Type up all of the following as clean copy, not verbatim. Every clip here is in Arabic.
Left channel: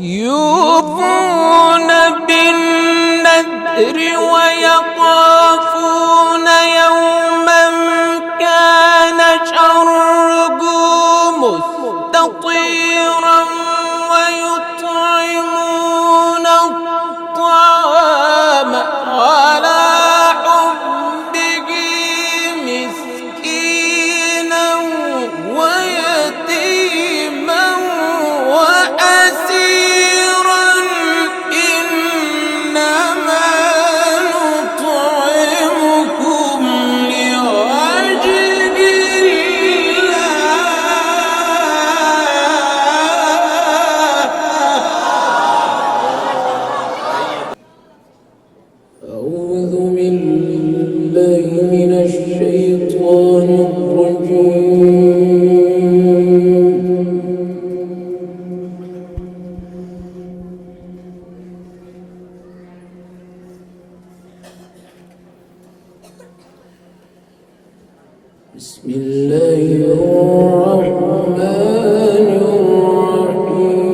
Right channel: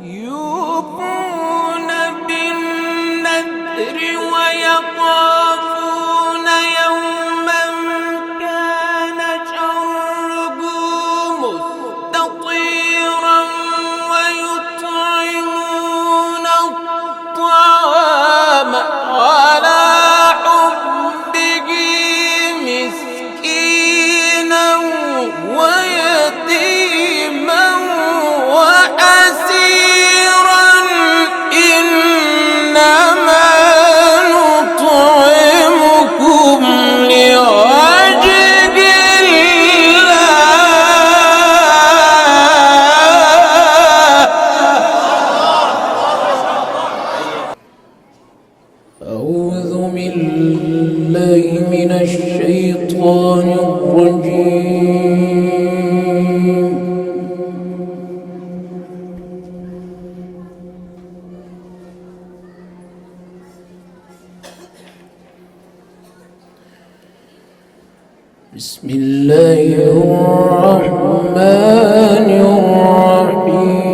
يوفون بالنذر ويخافون يوما كان شره مستطيرا ويطعمون الطعام على حبه مسكينا ويتيما وأسيرا إنما نطعمكم لوجه أعوذ بالله من الشيطان الرجيم. بسم الله الرحمن الرحيم.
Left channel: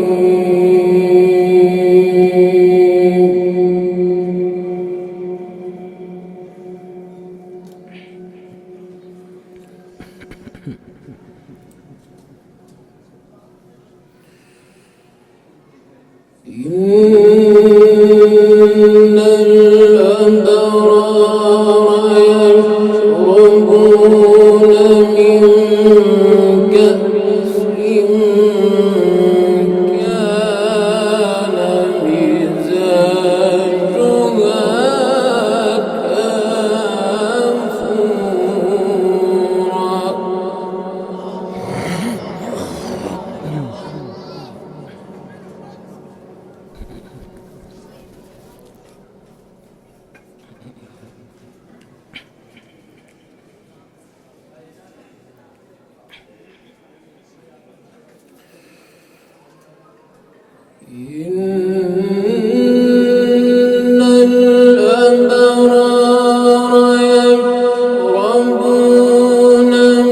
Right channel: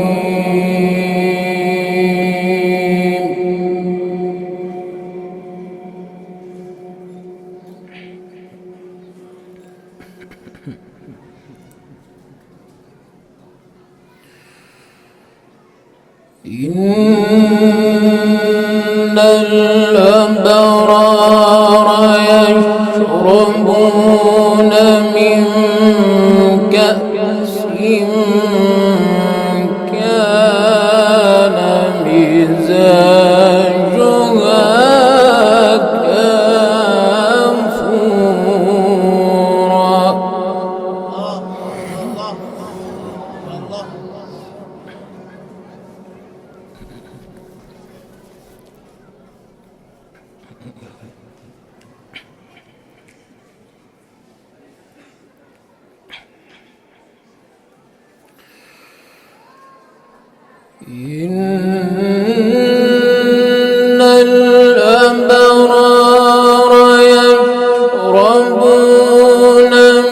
إن الأبرار يشربون من كأس كان مزاجها كافورا. إن الأبرار يشربون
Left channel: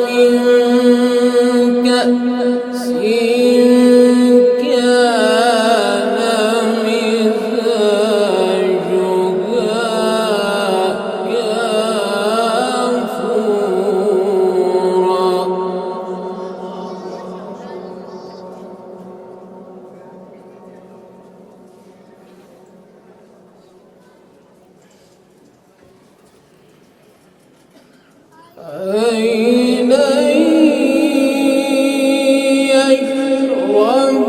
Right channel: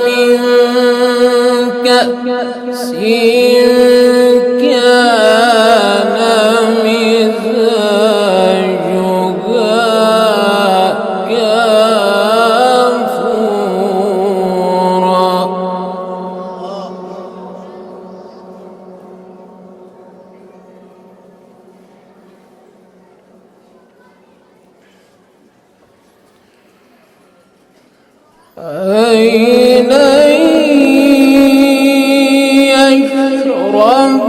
من كأس كان مزاجها كافورا. عينا يشرب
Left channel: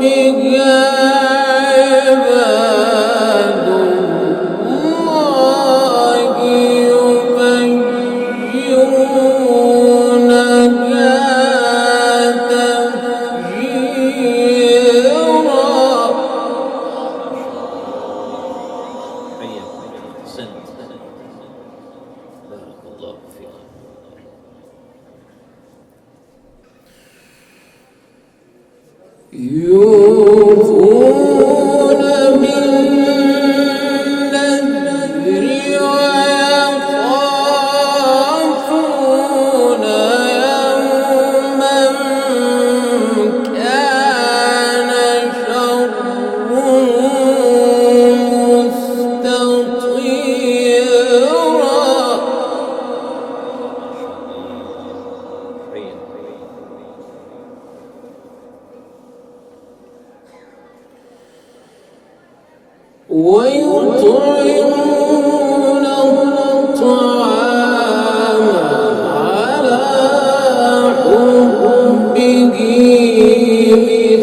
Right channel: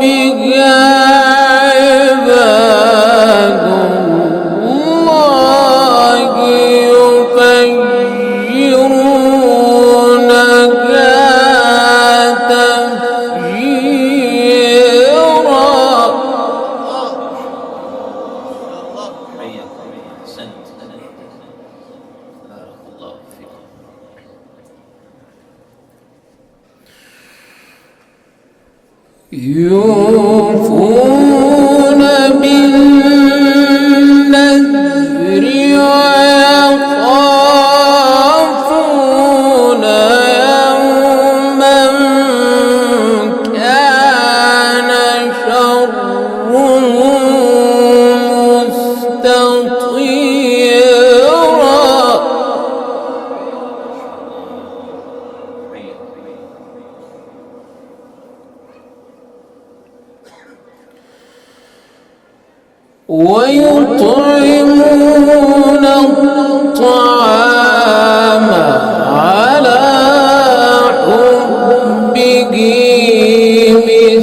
بها عباد الله يفجرونها تفجيرا. يوفون بالنذر ويخافون يوما كان شره مستطيرا. ويطعمون الطعام على حبه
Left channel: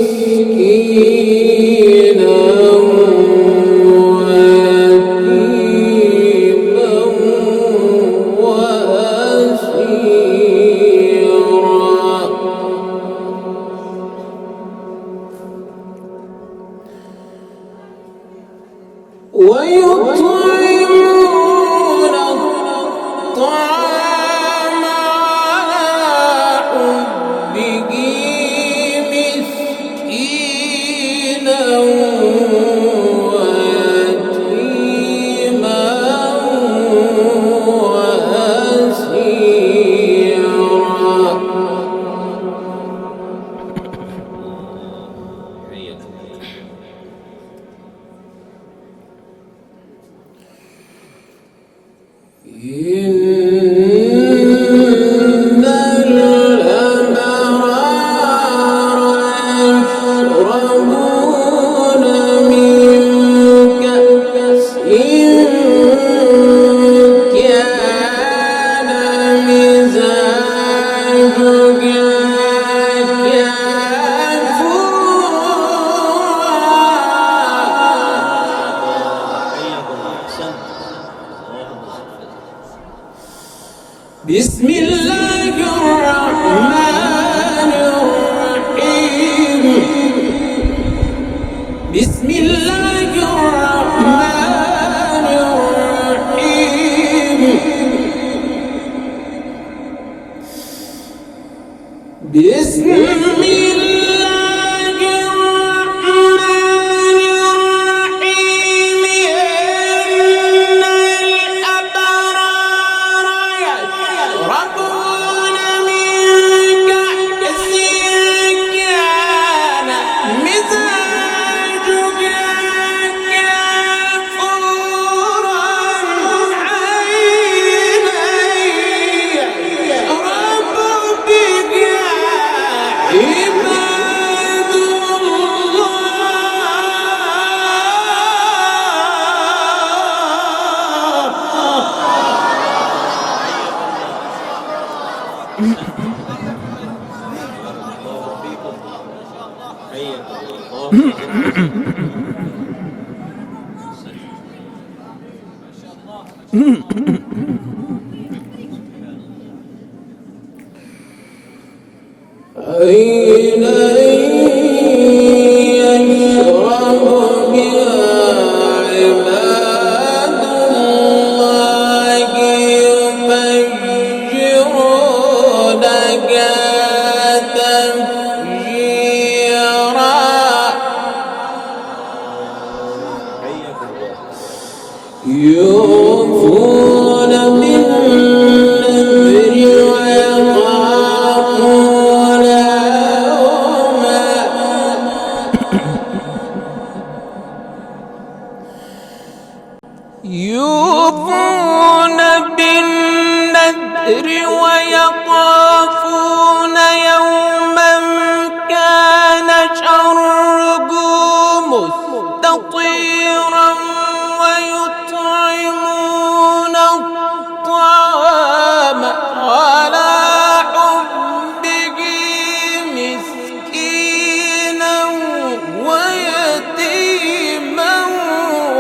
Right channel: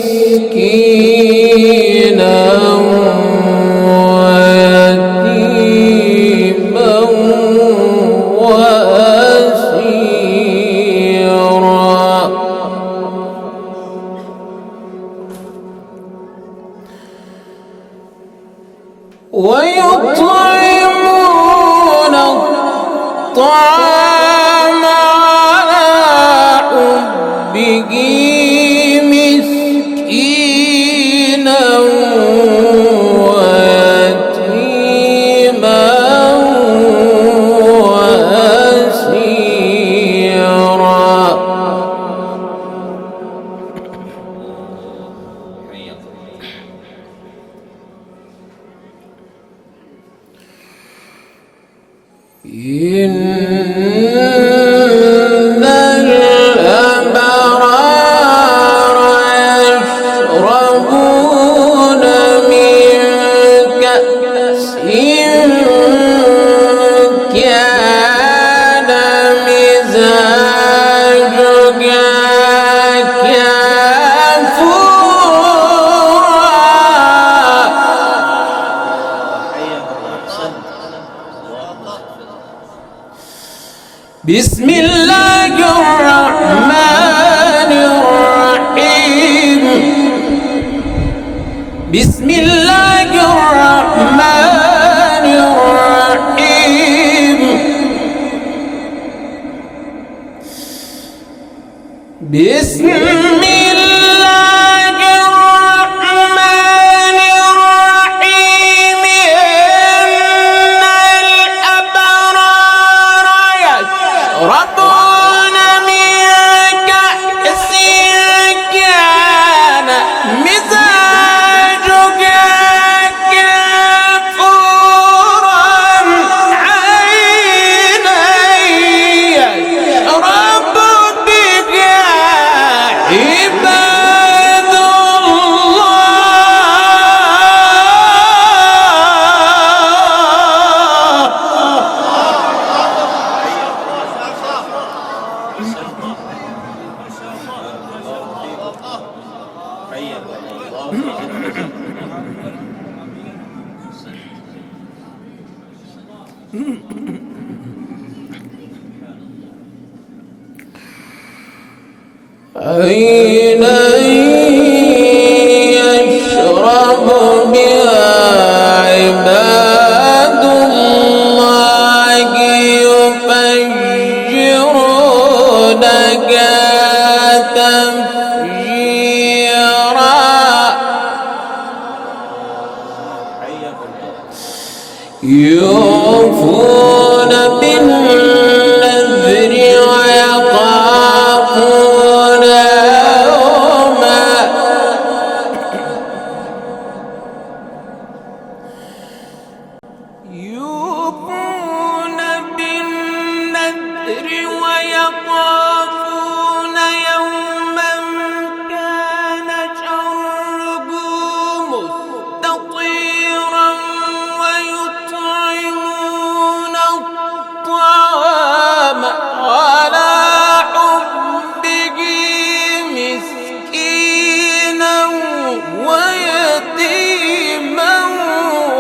مسكينا ويتيما وأسيرا. ويطعمون الطعام على حبه مسكينا ويتيما وأسيرا. إن الأبرار يشربون من كأس كان مزاجها بسم الله الرحمن الرحيم. بسم الله الرحمن الرحيم. بسم الله الرحمن الرحيم. إن الأبرار يشربون من كأس كان مزاجها كافورا عينا يشرب بها عباد عينا يشرب بها عباد الله يفجرونها تفجيرا. يوفون بالنذر ويخافون يوما يوفون بالنذر ويخافون يوما كان شره مستطيرا ويطعمون الطعام على حبه مسكينا ويتيما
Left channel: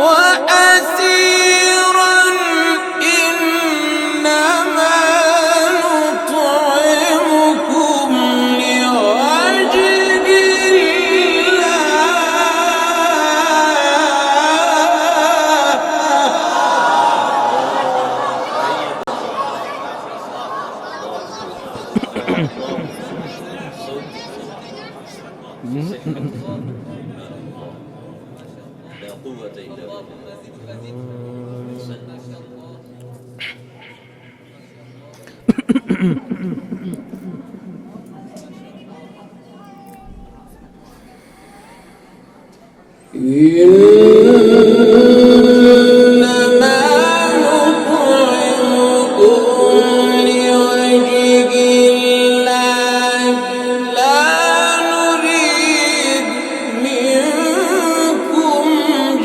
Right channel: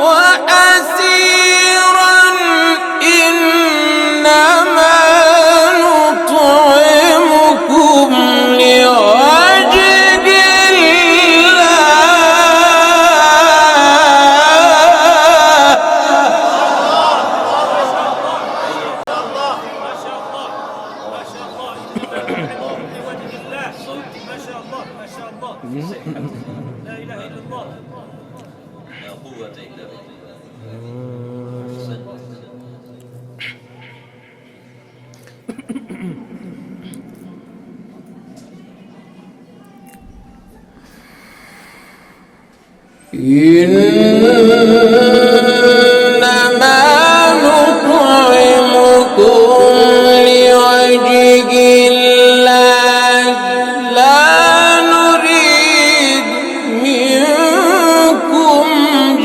وأسيرا إنما نطعمكم لوجه إنما نطعمكم لوجه الله لا نريد منكم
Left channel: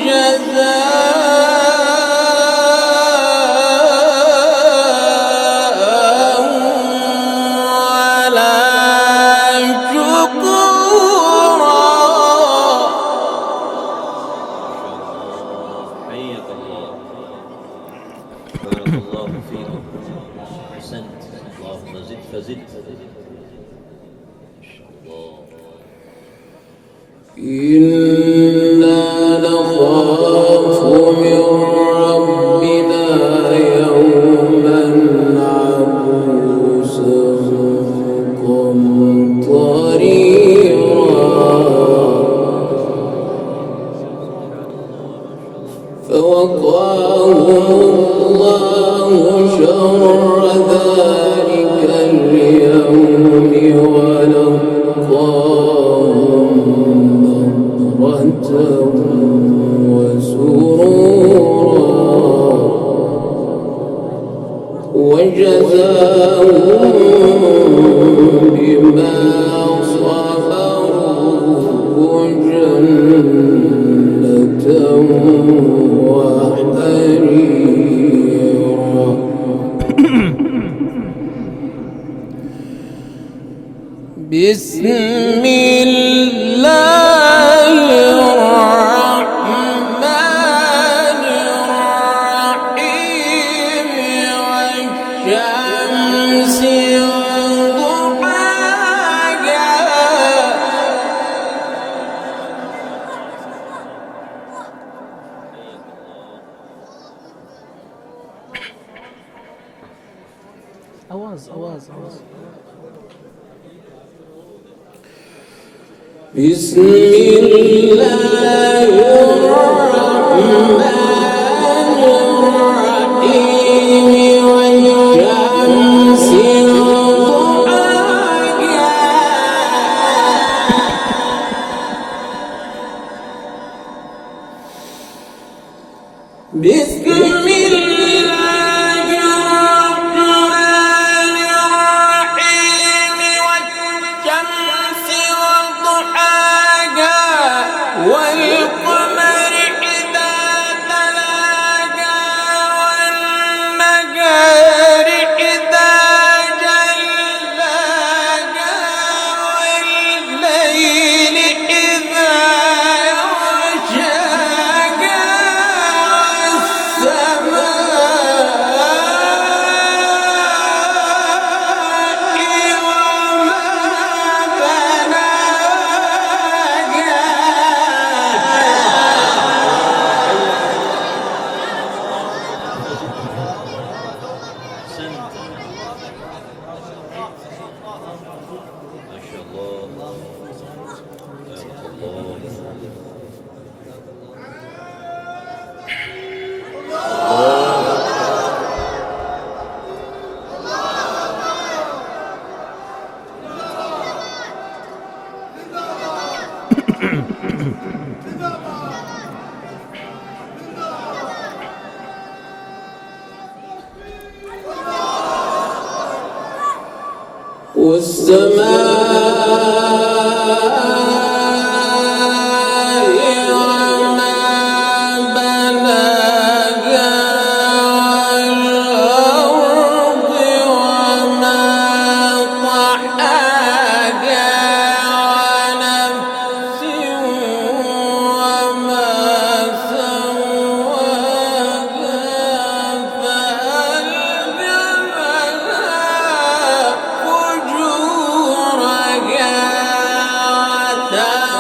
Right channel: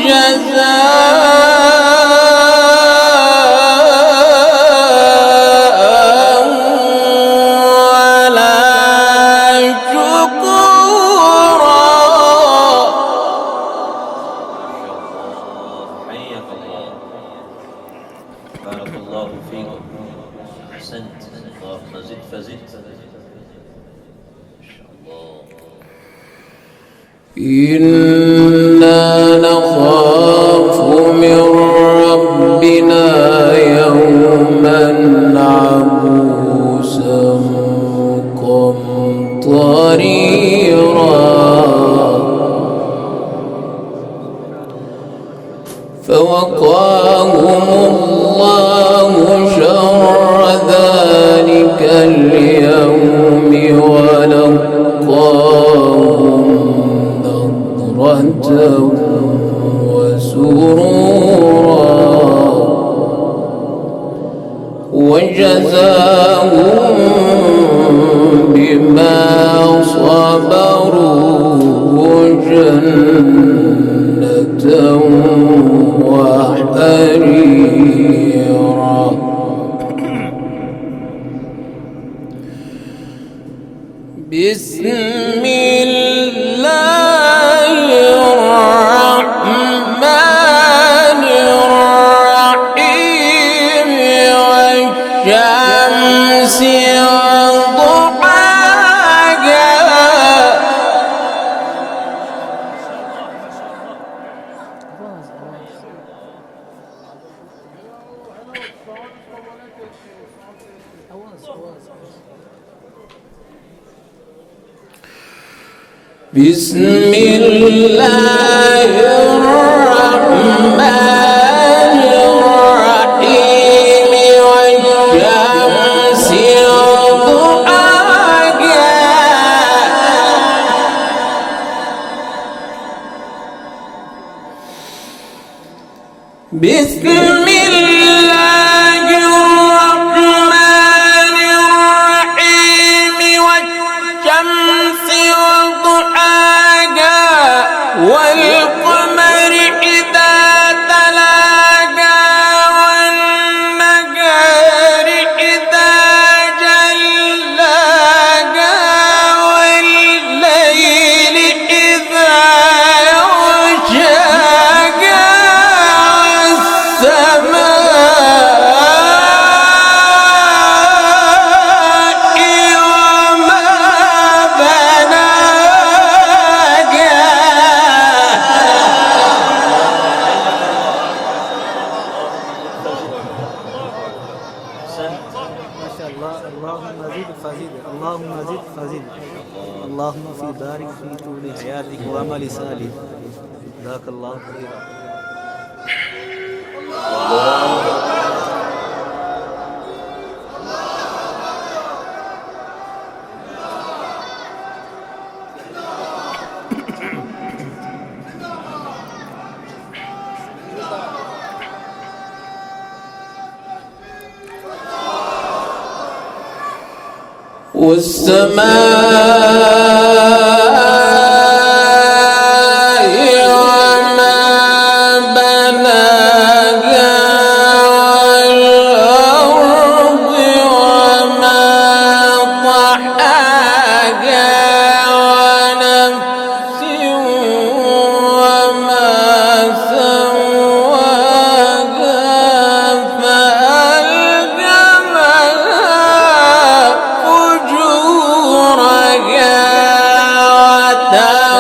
جزاء ولا شكورا. بارك الله فيكم. أحسنت. اللهم زد فزد. إنا نخاف من ربنا يوما عبوسا قمطريرا. فوقاهم الله شر ذلك اليوم ولقاهم نضرة وسرورا وجزاهم بما صبروا جنة وحريرا. بسم الله الرحمن الرحيم والشمس وضحاها. بسم الله الرحمن الرحيم والشمس وضحاها. بسم الله الرحمن الرحيم والشمس وضحاها والقمر إذا تلاها والنهار إذا جلاها والليل إذا يغشاها اللهم في بارك في طول حياتك وعمل صالح. جزاك الله خيرا. والسماء وما بناها والأرض وما طحاها ونفس وما سواها فألهمها فجورها وتقواها.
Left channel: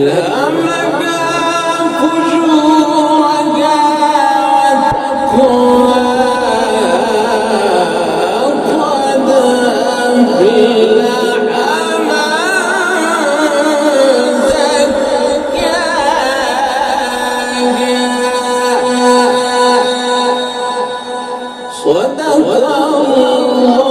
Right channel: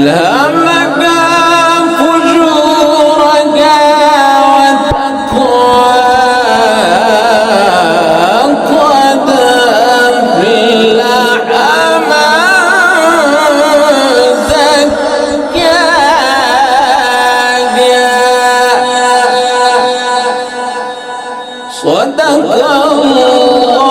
فألهمها فجورها وتقواها قد أفلح من زكاها. صدق الله